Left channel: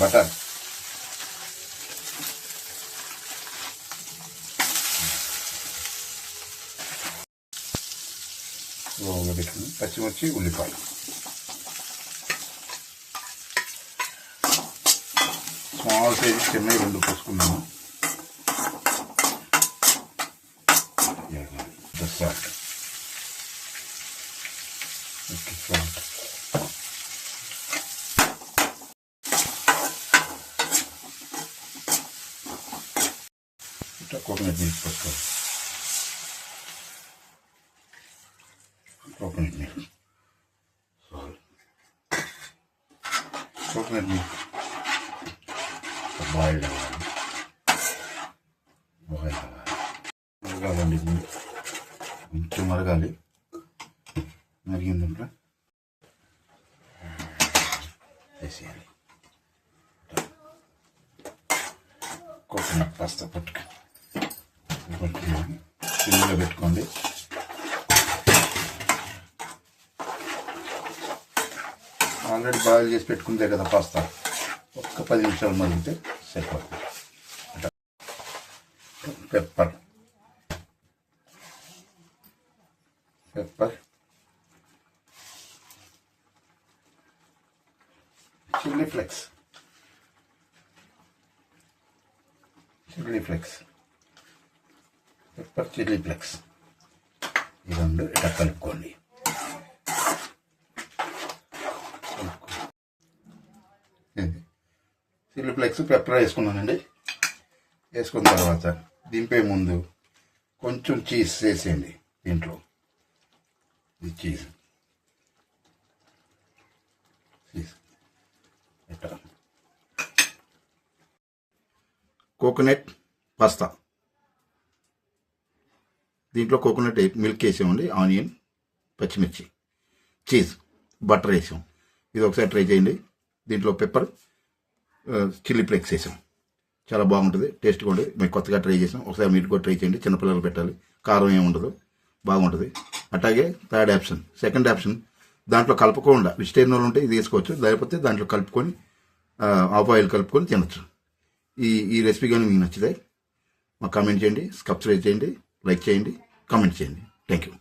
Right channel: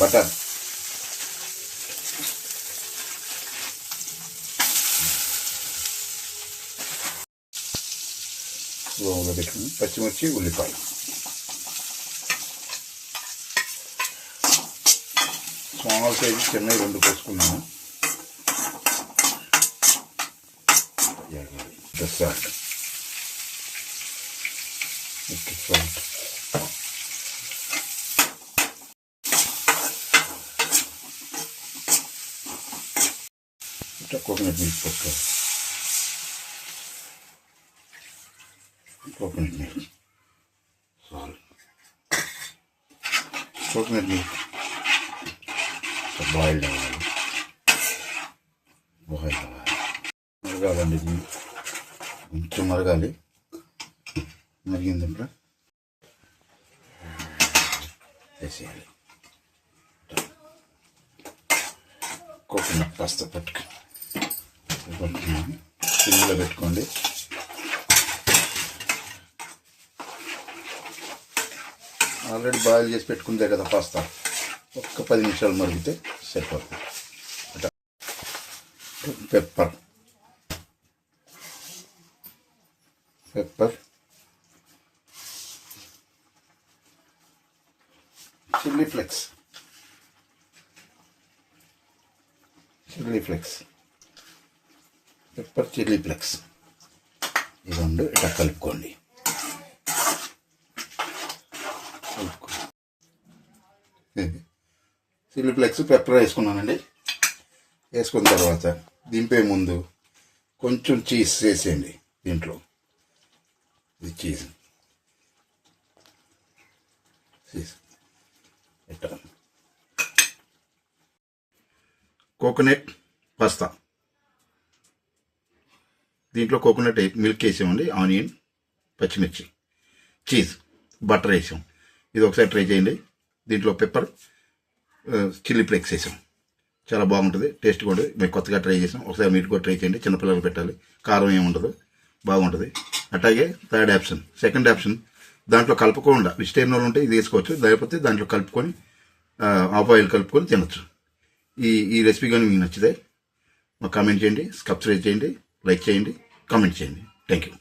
Butter, లోపల పెట్టుకుని పచ్చిమిర్చి, ఉల్లిపాయలు, స్మాల్ సైజు చిన్న 2 పోసుకున్నాను. సాల్ట్, సాల్ట్, కోకోనట్ మిల్క్ పోసుకోవాలి. Coconut milk, salt, coconut milk boiled అవ్వాలి. మరగాలండి, కొంచెం మరగాలి. మరిగిందంటే వేసేయాలి. కోకోనట్ పాస్తా పెట్టుకున్నాను. సిమ్లో పెట్టుకోండి. ఆల్రెడీ బాయిల్ చేసి పెట్టుకుంటే కదా పాస్తా, ఒక్క 10 నిమిషాలు మరిగితే సరిపోతుంది. Pepper, chilli flakes, pepper, chilli flakes, ఈ 2 ఇట్లా కలుపుకోండి. చిల్లీ ఫ్లేక్స్, పెప్పర్ వేసుకున్నానండి. వేసుకున్న తర్వాత దింపే ముందు కొంచెం చీజ్ వేసేయండి. దీంట్లో ఇది చీజ్ ఇట్లా. కోకోనట్ పాస్తా, దీంట్లో కోకోనట్ మిల్క్ వేసామండి, ఆనియన్, పచ్చిమిర్చి, చీజ్, బటర్ వేసాం. ఇది ఒకసారి ట్రై చేయండి. దీంట్లో పెప్పర్, చిల్లీ ఫ్లేక్స్ వేసాం. చాలా బాగుంటుంది, టేస్ట్గా ఉంటుంది. మేము కొత్తగా ట్రై చేసాం. ఒకసారి మీరు కూడా ట్రై చేయండి. చిన్నపిల్లలు పెట్టాలి, కారం ఏముండదు, బాగుంటుంది. అట్లాగే సెకండ్ ఆప్షన్ దాంట్లో కలుపుకోకుండా వెజిటేరియన్ వాళ్ళు ఉంటే ఇది వేసుకోవచ్చు. లేకపోతే దాంట్లో కలుపుకొని ఆఫ్ ఆయిల్ కలుపుకొని తినచ్చు. ఈ రెసిపీ కానీ మీకు నచ్చితే మాకు కామెంట్ చేయండి, సబ్స్క్రైబ్ చేయండి, లైక్ చేయండి, కామెంట్ చేయండి. Thank you.